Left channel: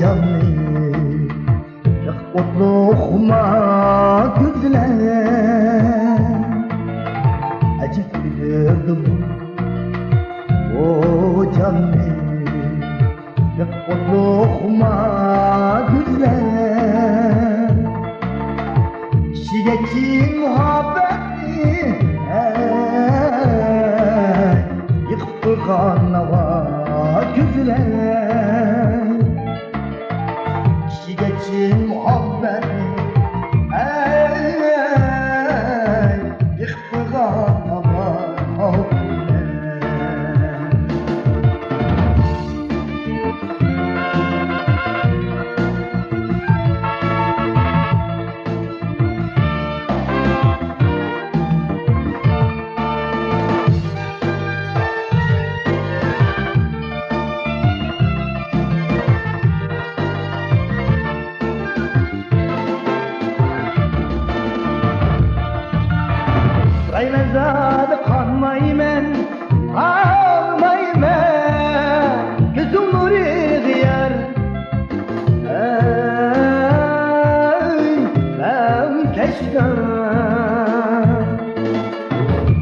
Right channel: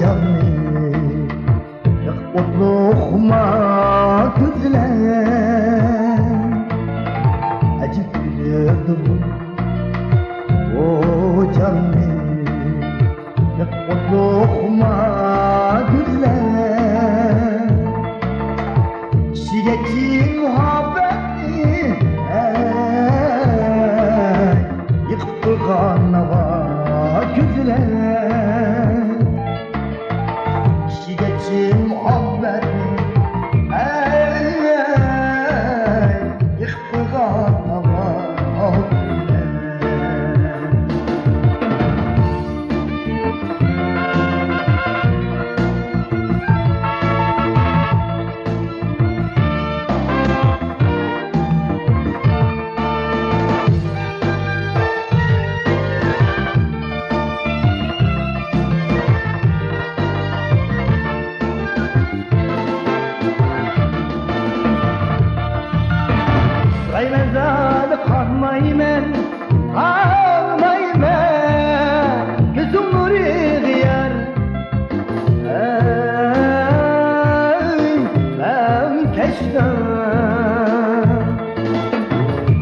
canım mutluluğuma güzler acık bilirdim o canım mutluluğuma güzler şiddetli muhabbeti yıktı kanava güzler şiddetli muhabbeti yıktı kanava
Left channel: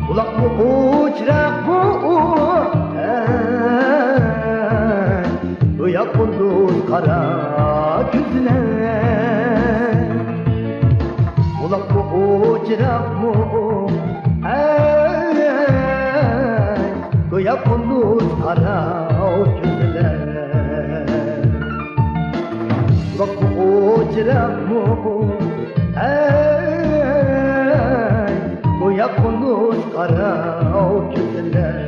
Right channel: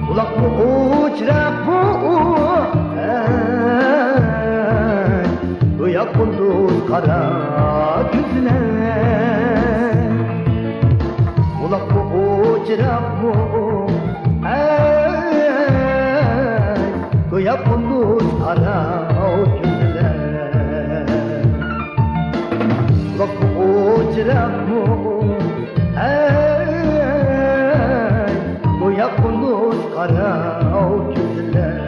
kulaklı uçrak bu bu yapıldı kara güzler kulaklı uçrak bu bu yapıldı kara güzler kulaklı uçrak bu bu yapıldı kara güzler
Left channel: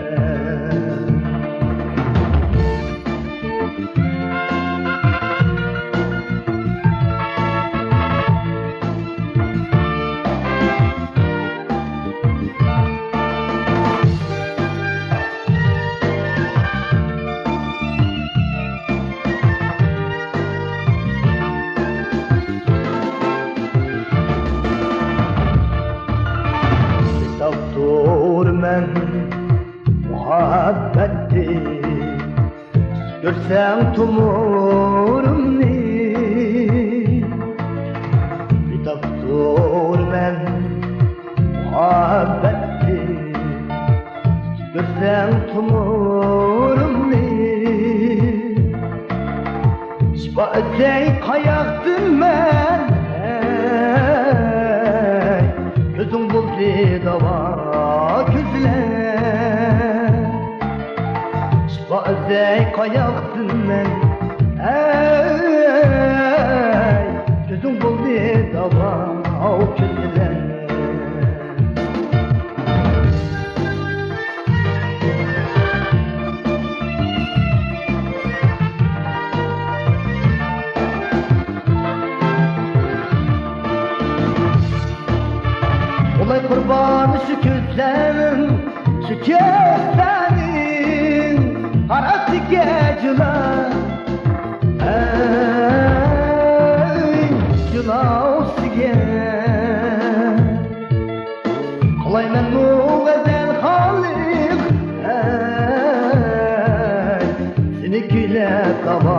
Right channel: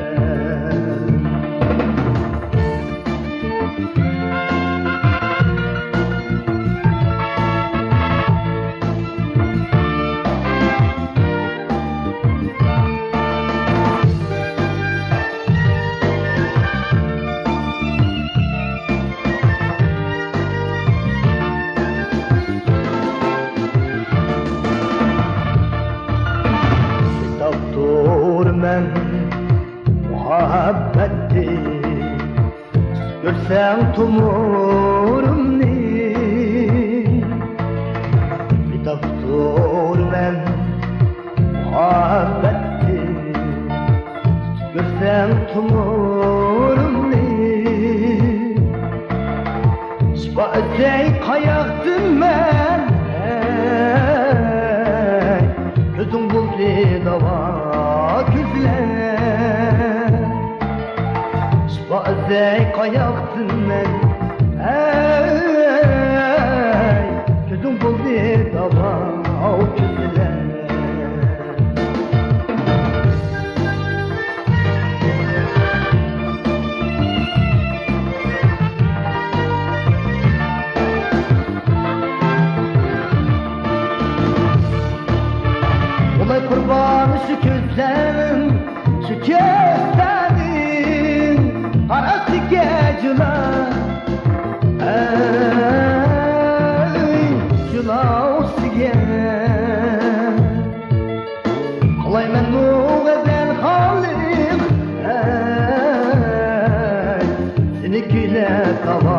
muhabbetti görsen tumurumni bir doktor men muhabbetti görsen tumurumni şifa etsey kayaktın men gözüm buldu dava güzler Bazı kayaktın ben gözüm buldu dava güzler Olay kurbanı şu gözlerim şu gözlerin parası geceler Cılası gel Olay men muğezel halim seni güle tava